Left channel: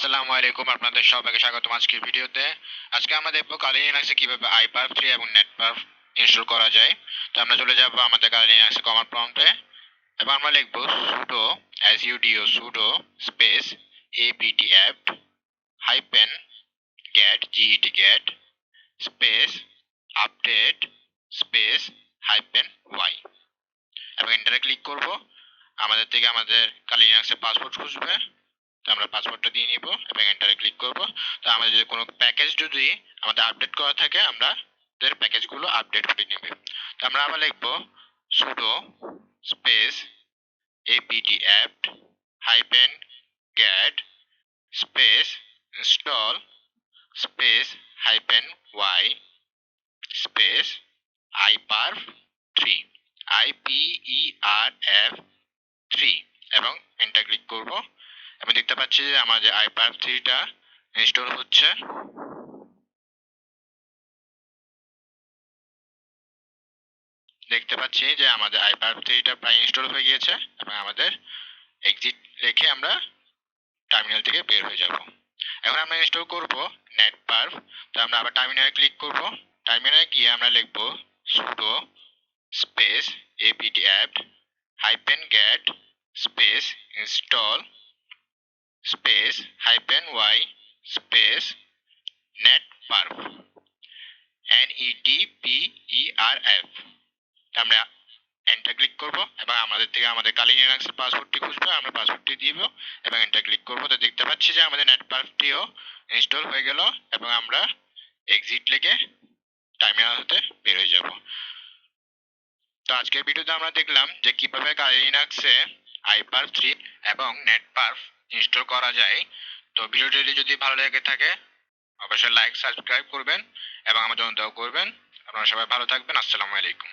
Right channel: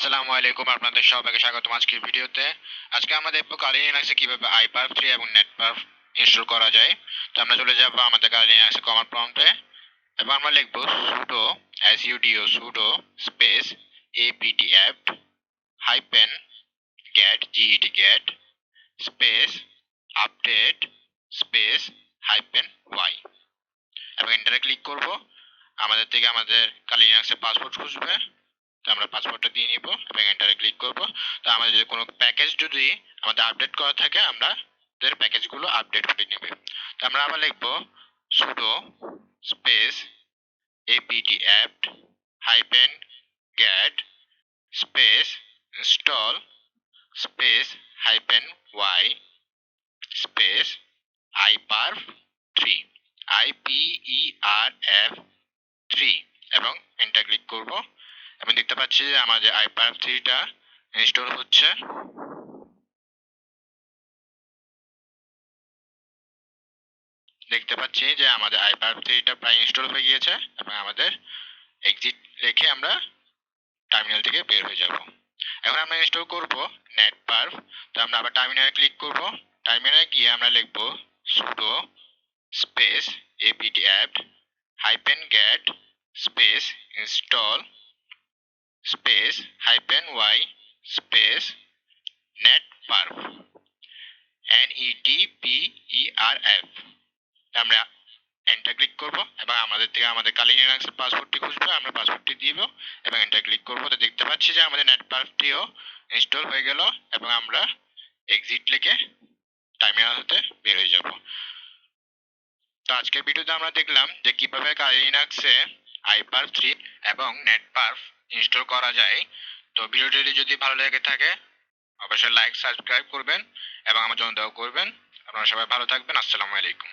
আসসালামু আলাইকুম, আপনাদের সবাইকে স্বাগতম আজকের ভিডিওতে। আজকে আমরা দেখবো কালি লিনাক্সে কিভাবে iperf3 এবং netperf ইনস্টল করা যায়। তো আমরা চলে যাব আমাদের কালি লিনাক্সে কমান্ড প্রম্পটে এবং আমরা লিখবো sudo space apt hyphen get space update space -y এবং এন্টারে ক্লিক করব। আমাদের থেকে আমাদের কালি লিনাক্সের পাসওয়ার্ড খুঁজবে, তো আমরা পাসওয়ার্ডটা দিয়ে নিব এবং এন্টারে ক্লিক করব। তো আমাদের যদি কোনো প্যাকেজ যদি আমাদের আপডেট করা থাকে আমাদের প্যাকেজগুলো আপডেট হয়ে নেবে। তো আমরা আবার লিখব sudo space apt hyphen get space install space -y space iperf3 iperf3 এবং এন্টার ক্লিক করব। আমি দেখতে পাচ্ছি যে আমাদের iperf3টা ইনস্টল হচ্ছে। দেখতে পাচ্ছি যে আমাদের iperf3টা প্রায় ইনস্টল হয়ে গিয়েছে এবং আমাদের এক্সিট রেখে আমরা টার্মিনাল থেকে বের হয়ে যাব। এখন আমরা ইনস্টল করব netperf। তো আমরা আবার টার্মিনালে ক্লিক করব। টার্মিনালে গিয়ে আমরা লিখব sudo space apt hyphen get space install space -y space netperf netperf। আমরা এন্টার ক্লিক করব এবং আমাদের থেকে আমাদের কালি লিনাক্সের পাসওয়ার্ডটি খুঁজবে, আমরা পাসওয়ার্ডটি দিব এবং এন্টার ক্লিক করব। তো দেখতে পাচ্ছি যে আমাদের নেটপারফটিও ইনস্টল হয়ে গেল এবং আমরা এক্সিট লিখে টার্মিনাল হতে বের হয়ে যাব। তো আজকের ভিডিওতে আমরা দেখলাম যে কিভাবে কালি লিনাক্সে iperf3 এবং netperf ইনস্টল করা যায়। তো ভিডিওটি যদি ভালো লেগে থাকে অবশ্যই লাইক সাবস্ক্রাইব করবেন এবং আমার জন্য দোয়া করবেন। আপনারা সবাই ভালো থাকবেন। আসসালামু আলাইকুম।